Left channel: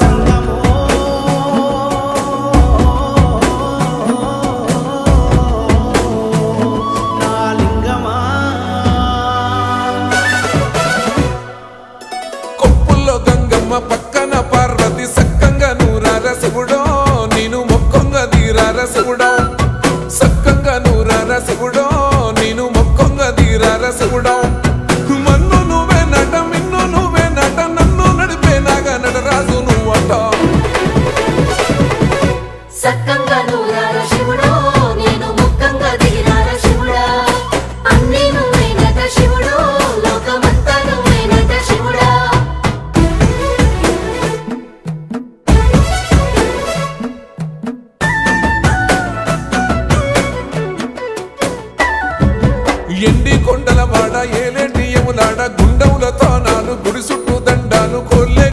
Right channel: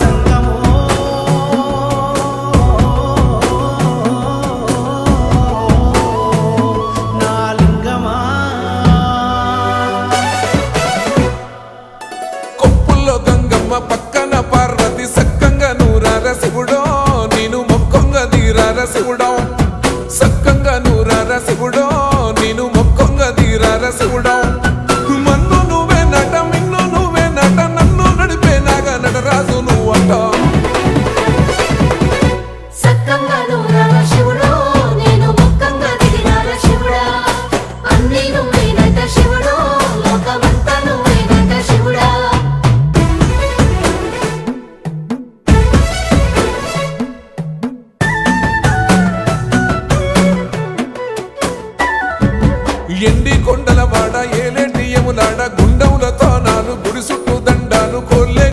జంగమో నా లింగమా కొప్పుల్లో గంగమ్మ పక్కన పార్వతి సక్కంగా నూరార శివుడో నేను మొక్కంగా దీరార శివుడో సక్కంగా నూరార శివుడో నేను మొక్కంగా దీరార శివుడో మన్ను నువ్వే నట మిన్ను నువ్వే నట నన్ను నడిపే నాగా నటరాజు నువ్వట సక్కంగా నూరార శివుడో నేను మొక్కంగా దీరార శివుడా అన్నీ నువ్వే నట శివుడో లోకమంతా నువ్వే నట శివుడా ఎండి కొండల వాడ ఏలేటి యములాడ గుండములతో నాలు గుడి చుట్టూ దండాలు కోల్లే